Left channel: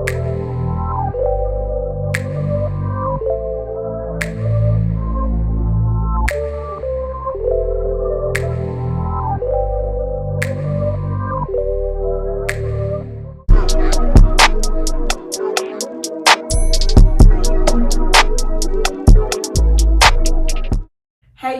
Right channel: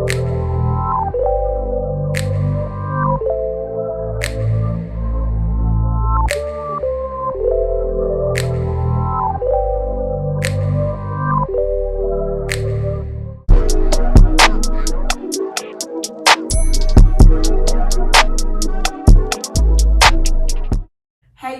Hey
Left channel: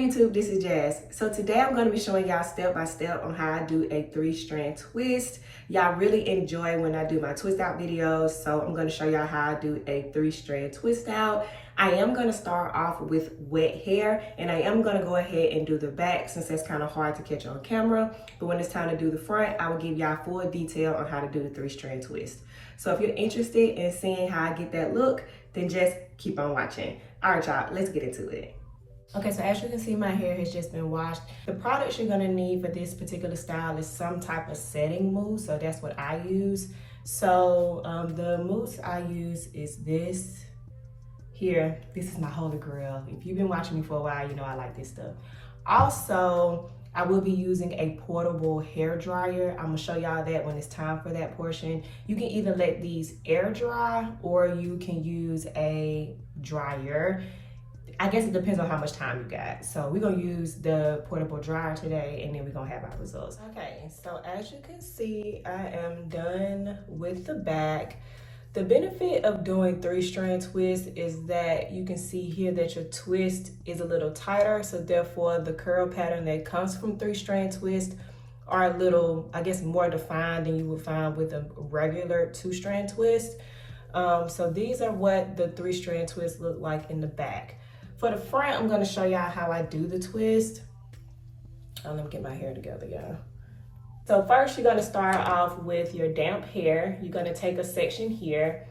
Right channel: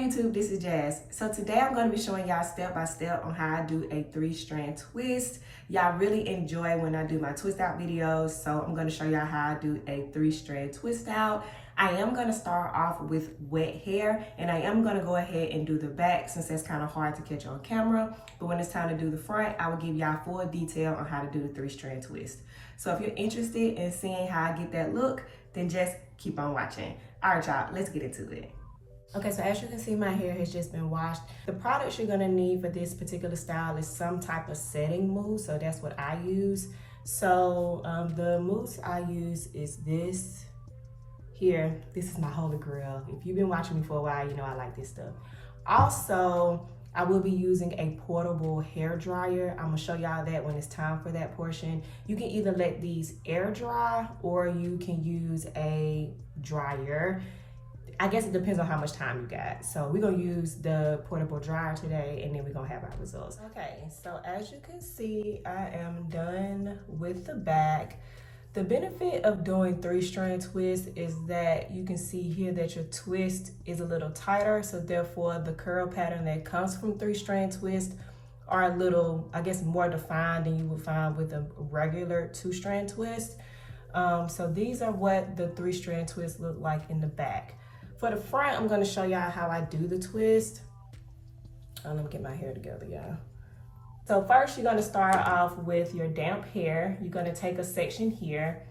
YouTube, this is Jazz. So today I'm going to be showing y'all step by step on how I do a 3-strand twist. Y'all really enjoy when I do my twist out videos, so I'm going to show y'all how I do a 3-strand twist out. I am going to start off with wet hair, and I am going to go ahead and do the back since that's kind of hard to catch on camera. But when it's time to do the front, I will give y'all full detail on how to do the 3-strand twist. So if you're interested in seeing how I get that look, then just keep on watching. All right, y'all, let's get into it. Okay, so as you can see, my hair has just been washed. The products you're gonna need for this particular style is some type of setting mousse, so that's what I use. So the mousse I use is this here. This is my holy grail. If you've been watching me for a while, you know I like this stuff. Also, I will be using a portable hair dryer. I'm gonna show y'all that when it's time for that portion. You can either let these air dry or you can use a dryer. I guess it depends on how much time you got. So we're gonna use the portable dryer today and then we're gonna have our results. Okay, so as you can see, I am done with the back. The benefit of doing 3-strand twist is that you can see here that your twist is a little tighter. So therefore the curl pattern that comes from 3-strand twist are a little, I guess, more defined than you would find with a regular 2-strand twist. So these are what the 3-strand twist look like in the back. For the front, I'm gonna show y'all how I do the twist. Let me get my hair together, y'all. So first, you're gonna start off with your damp hair. You're gonna take a section here,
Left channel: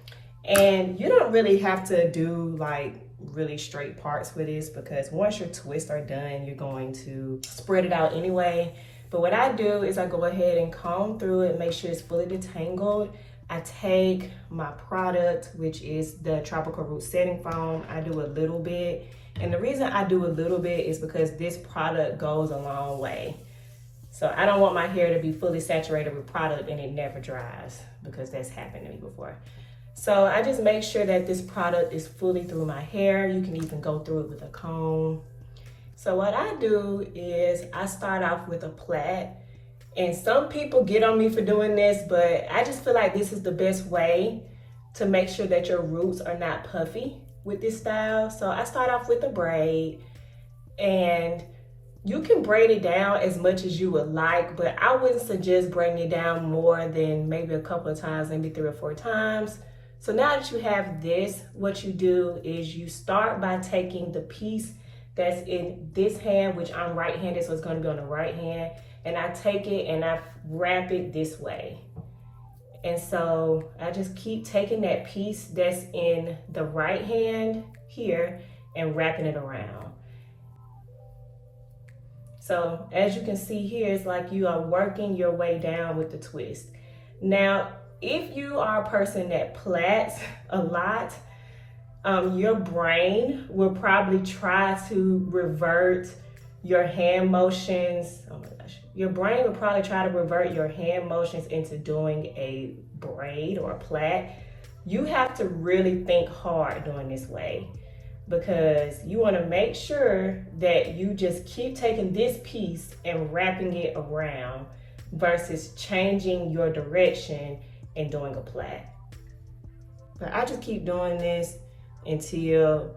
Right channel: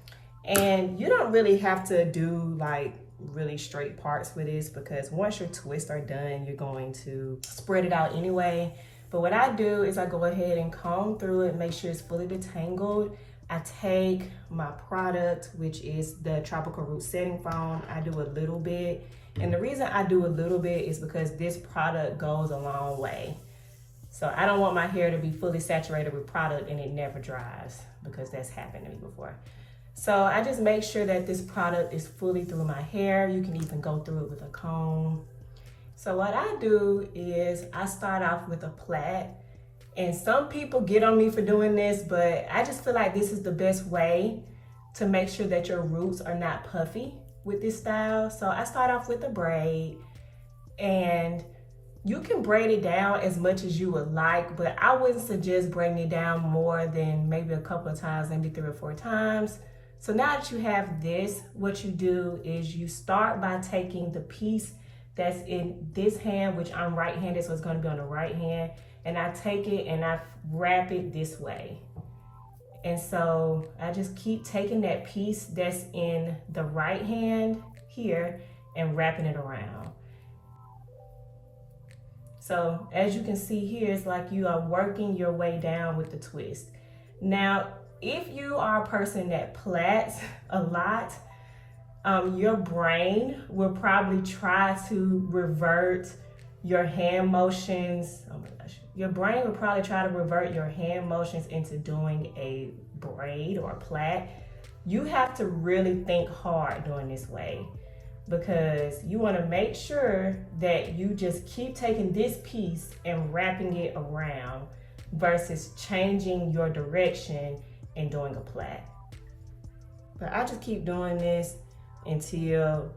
and you don't really have to do like really straight parts for this because once your twists are done, you're going to spread it out anyway. But what I do is I go ahead and comb through it, make sure it's fully detangled. I take my product, which is the Tropical Root Setting Foam. I do a little bit. And the reason I do a little bit is because this product goes a long way. So I don't want my hair to be fully saturated with product and it never dries because that's happened to me before. So I just make sure that this product is fully through my hair. You can even go through it with a comb. So what I do is I start off with a plait. And some people get on me for doing this, but I just feel like this is the best way to make sure that your roots are not puffy with this style. So I start off with a braid, and you can braid it down as much as you would like, but I wouldn't suggest braiding it down more than maybe a couple of times, maybe 3 or 4 times. So now that you have this, what you do is you start by taking the piece that's in this hand, which I'm right-handed, so it's gonna be on the right hand, and I take it and I wrap it this way. And so I just keep taking that piece that's in the right hand here and wrapping it around. So as you can see here, it's like you are working your way down with the twist. Now, if you are a person that plaits a lot, your brain will probably try to revert your hand motions. Oh my gosh. Your brain will probably try to revert your hand motions into doing a braid or a plait. You have to really think hard doing this way because you want to make sure that you just keep taking this piece and wrapping it around versus changing your direction and doing a plait. But I just keep doing this until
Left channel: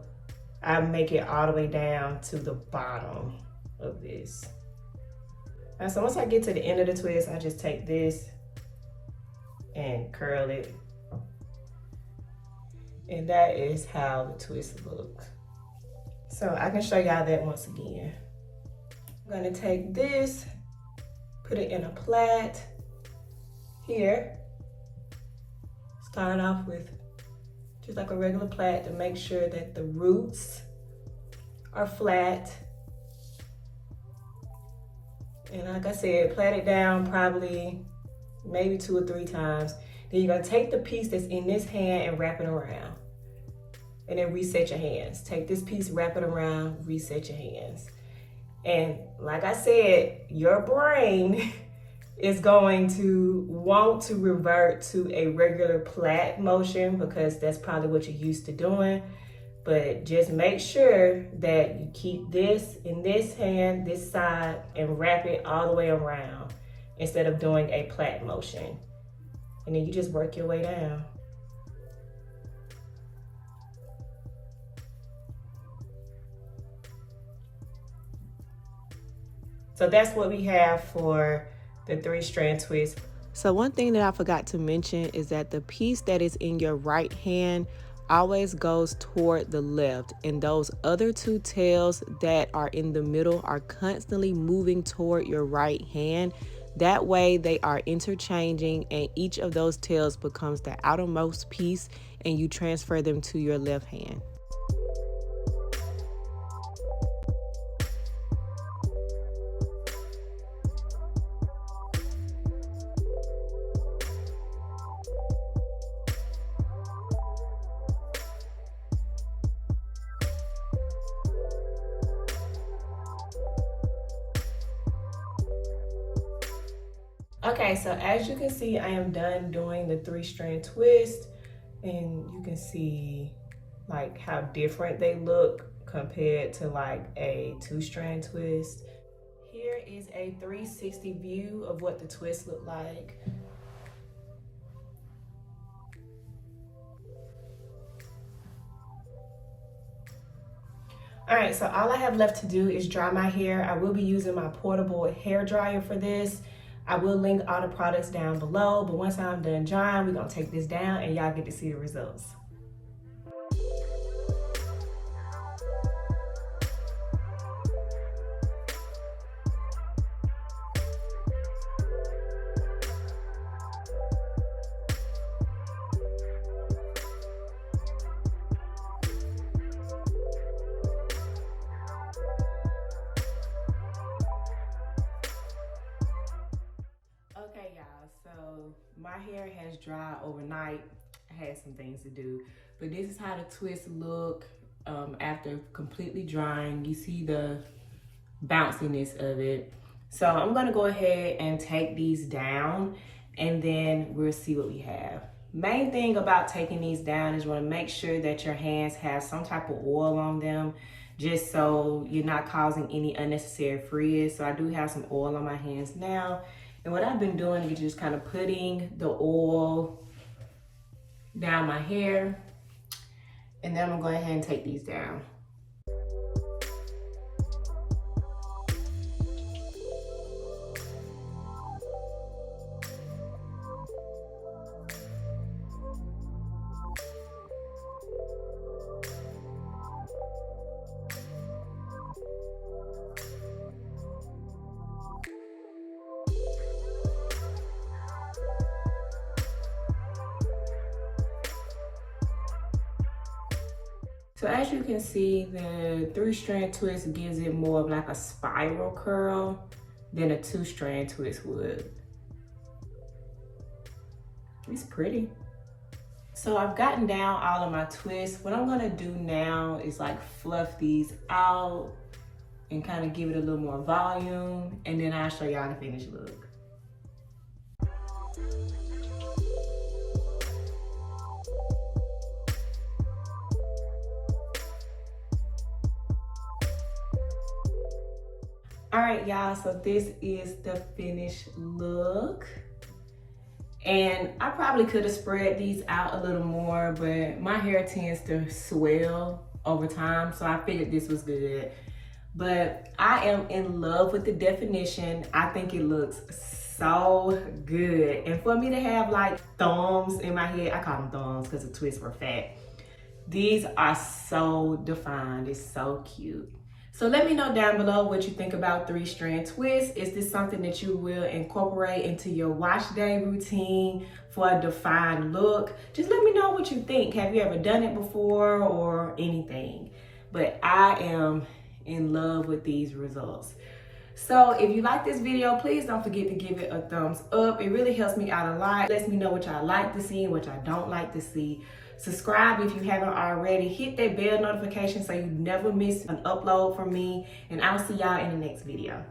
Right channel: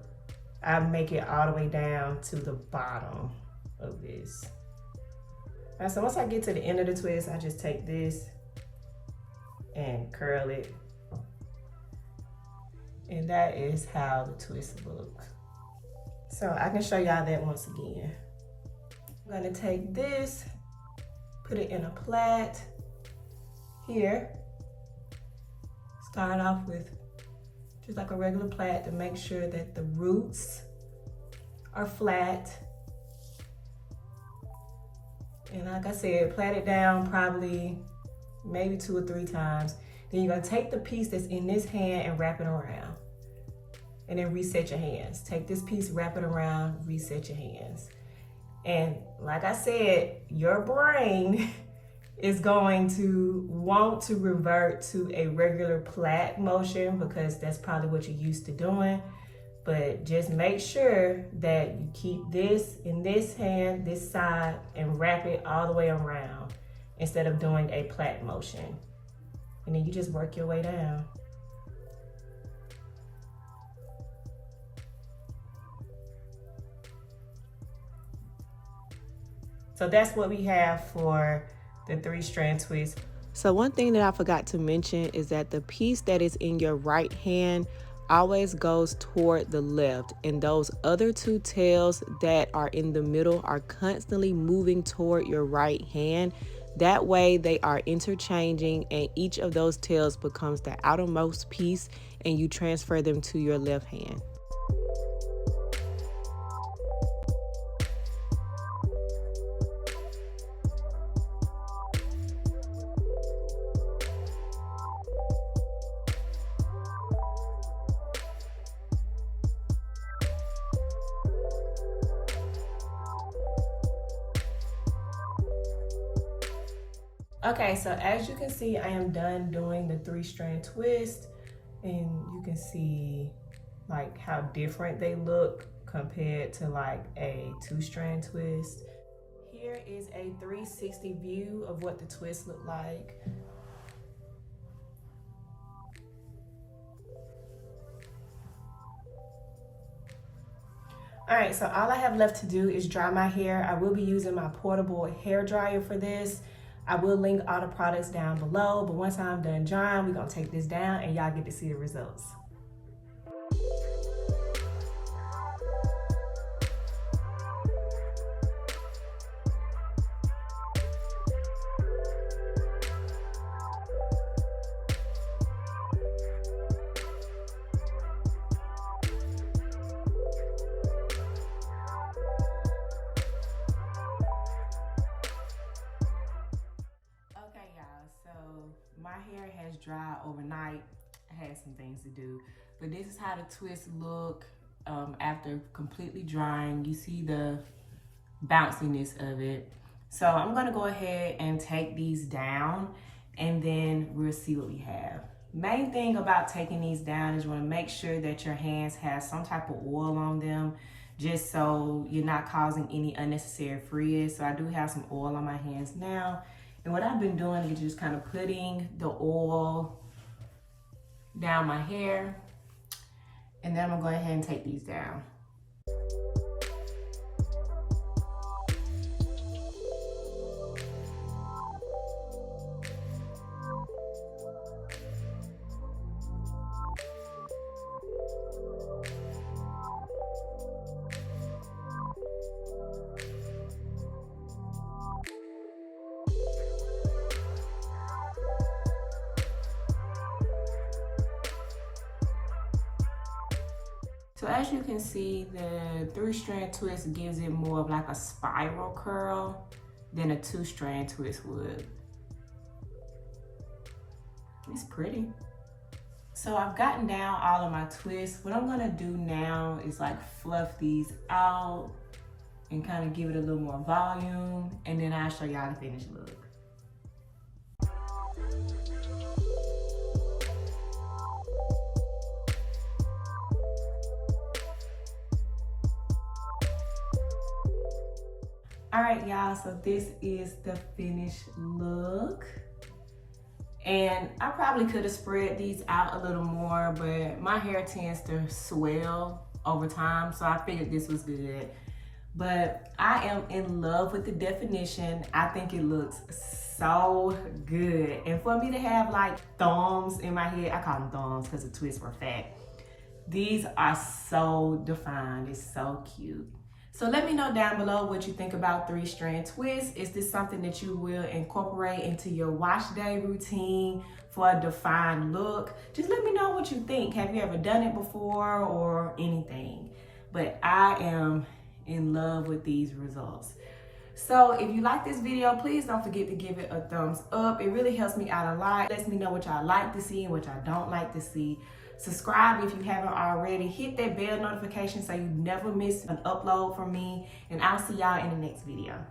I make it all the way down to the bottom of this. And so once I get to the end of the twist, I just take this and curl it. And that is how the twist looks. So I can show y'all that once again. I'm gonna take this, put it in a plait here. Start off with just like a regular plait to make sure that the roots are flat. And like I said, plait it down probably maybe 2 or 3 times. Then you're gonna take the piece that's in this hand and wrap it around. And then reset your hands. Take this piece, wrap it around, reset your hands. And like I said, your brain is going to want to revert to a regular plait motion because that's probably what you're used to doing. But just make sure that you keep this in this hand, this side, and wrap it all the way around instead of doing a plait motion. And then you just work your way down. So that's what we have for the 3-strand twist. So one thing that I forgot to mention is that the piece that is in your right hand always goes toward the left, and those other 2 tails that are in the middle are constantly moving toward your right hand. That way they are interchanging, and each of those tails becomes the outermost piece, and you transfer them to your left hand. Okay, so as you can see, I am done doing the 3-strand twist, and you can see like how different they look compared to like a 2-strand twist. Here is a 360 view of what the twist look like. All right, so all I have left to do is dry my hair. I will be using my portable hair dryer for this. I will link all the products down below, but once I'm done drying, we're gonna take this down and y'all get to see the results. Okay, y'all, so my hair has dried overnight. I had some things to do, but this is how the twists look after completely drying. You see the bounciness of it. So I'm gonna go ahead and take these down, and then we'll see what we have. Main thing about taking these down is you wanna make sure that your hands have some type of oil on them, just so you're not causing any unnecessary frizz. So I do have some oil on my hands now. And what I've been doing is just kind of putting the oil down my hair, and then I'm gonna go ahead and take these down. So as you can see, the 3-strand twist gives it more of like a spiral curl than a 2-strand twist would. It's pretty. So I've gotten down all of my twists. What I'm gonna do now is like fluff these out and kind of give it a little more volume, and then I'll show y'all the finished look. All right, y'all, so this is the finished look. And I probably could have spread these out a little more, but my hair tends to swell over time, so I figured this was good. But I am in love with the definition. I think it looks so good. And for me to have like thumbs in my head, I call them thumbs because the twists were fat. These are so defined, it's so cute. So let me know down below what you think about 3-strand twists. Is this something that you will incorporate into your wash day routine for a defined look? Just let me know what you think. Have you ever done it before or anything? But I am in love with these results. So if you like this video, please don't forget to give it a thumbs up. It really helps me out a lot. It lets me know what y'all like to see and what y'all don't like to see. Subscribe if you haven't already. Hit that bell notification so you never miss an upload from me. And I'll see y'all in the next video.